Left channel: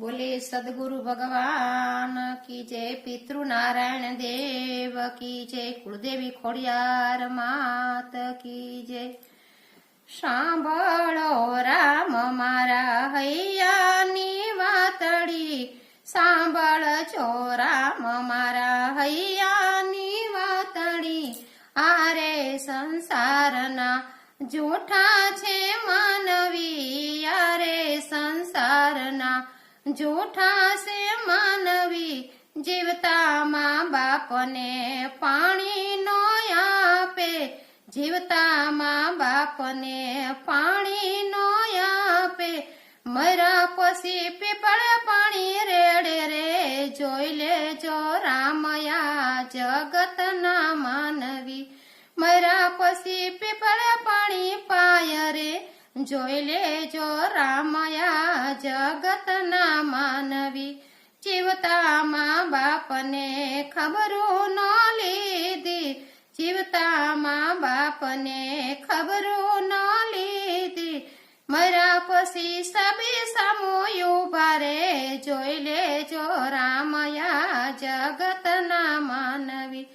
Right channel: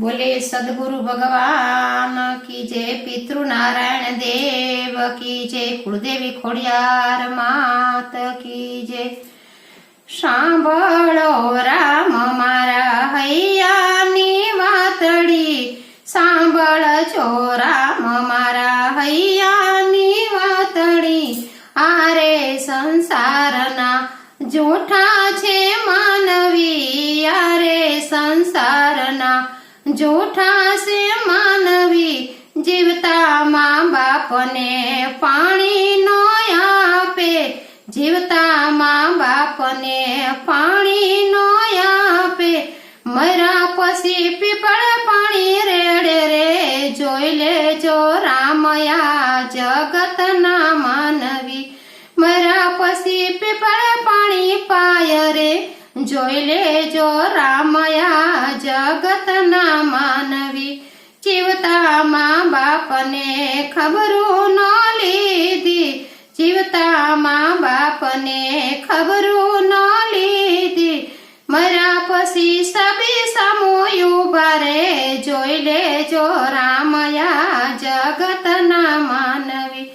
બોલે, સદગુરુ ભગવાન કી જય પિતૃ નારાયણ દેવ કી જય, કુળદેવી ખોડિયાર માત કી જય. સાંભળો રામ મારા હૈયાની વાતડી, સાંભળજો રામ જૂઠા છે માનવી જીવતા મા બાપને પાણી નો આપે. જીવતા મા બાપને પાણી નો આપે. મરા પછી પીપળ પાણી રેડે રે, જોઈ લેજો રામયા જગતના માનવી. મરા પછી પીપળ પાણી પાય રે, જોઈ લેજો રામયા જગતના બાપને ખબરો ન લીધી. જીવતા મા બાપને ખબરો ન લીધી. મરા પછી સબે સમોયું ભરે જોઈ લેજો રામયા જગતના માનવી.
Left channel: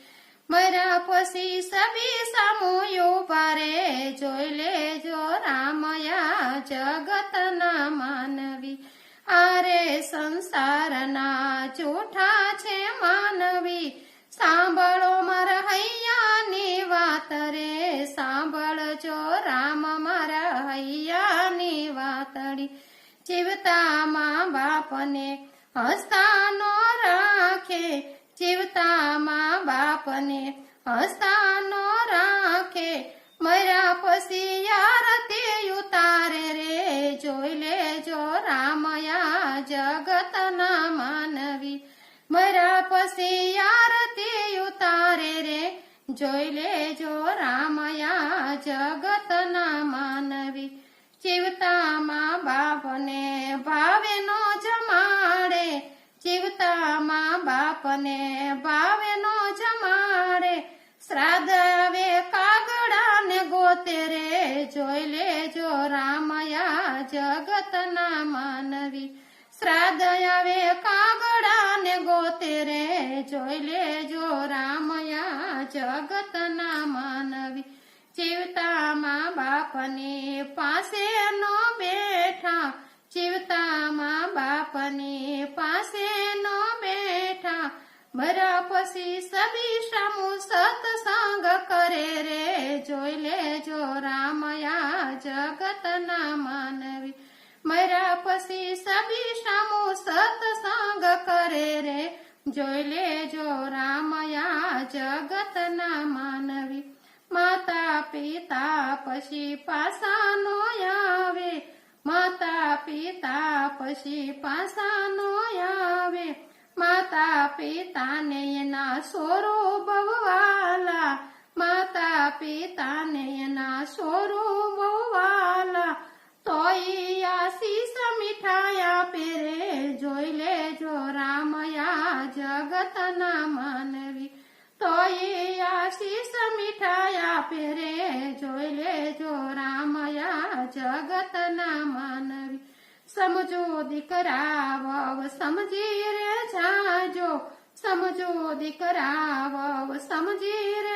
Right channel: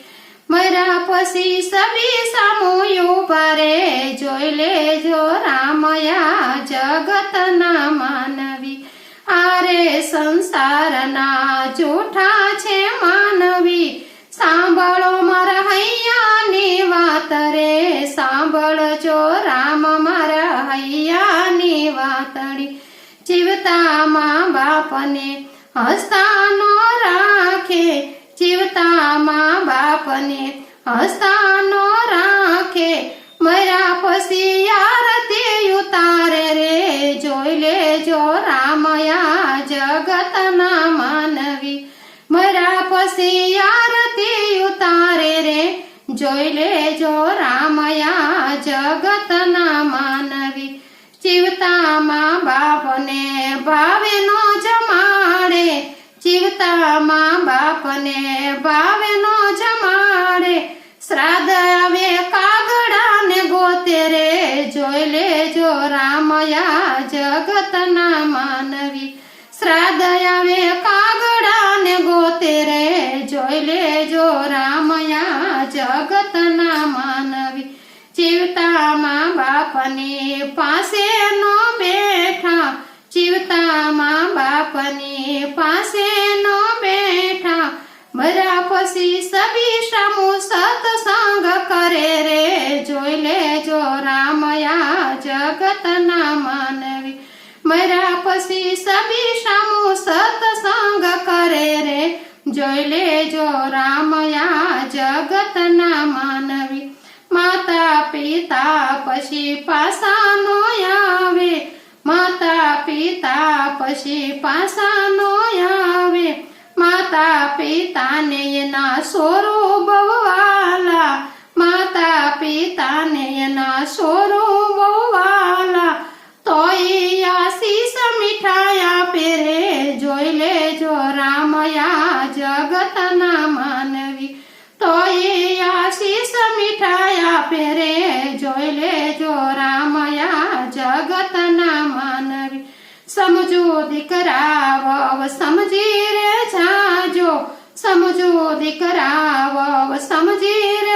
મરા પછી સબે સમોયું ભરે જોઈ લેજો રામયા જગતના માનવી. આરે સંસારના જૂઠા સાંભળજો રામ મારા હૈયાની વાતડી જીવતા મા બાપને હસતા નો રાખે. જીવતા મા બાપને હસતા નો રાખે. મરા પછી આરતી ઉતારે રે. જોઈ લેજો રામયા જગતના માનવી. મરા પછી આરતી ઉતારે રે. જોઈ લેજો રામયા જગતના માનવી જીવતા મા બાપને ભાવે નો જમાડે. જીવતા મા બાપને ભાવે બાપની પાસે નો બેઠા, જીવતા મા બાપની પાસે નો બેઠા. મરા પછી સબી સમૂહ સતસંગ કરે રે, જોઈ લેજો રામયા જગતના માનવી. મરા પછી સબી સમૂહ સતસંગ કરે રે, જોઈ લેજો રામયા જગતના માનવી. પછી પાસાનો આવે માતા પિતા પછી પાસાનો આવે માતા પિતાને એના સોરો સમજો દીકરા વવ સમજી રે જાજો. સમજો દીકરા વવ સમજી રે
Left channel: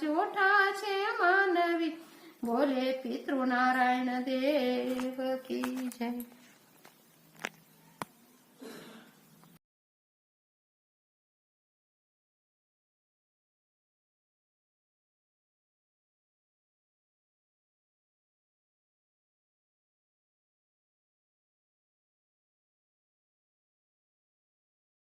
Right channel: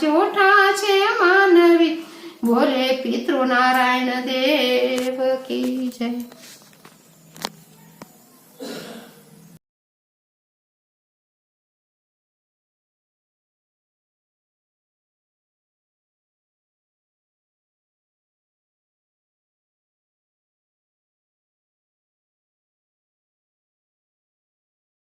જૂઠા છે માનવી. બોલે પિતૃ નારાયણ દેવ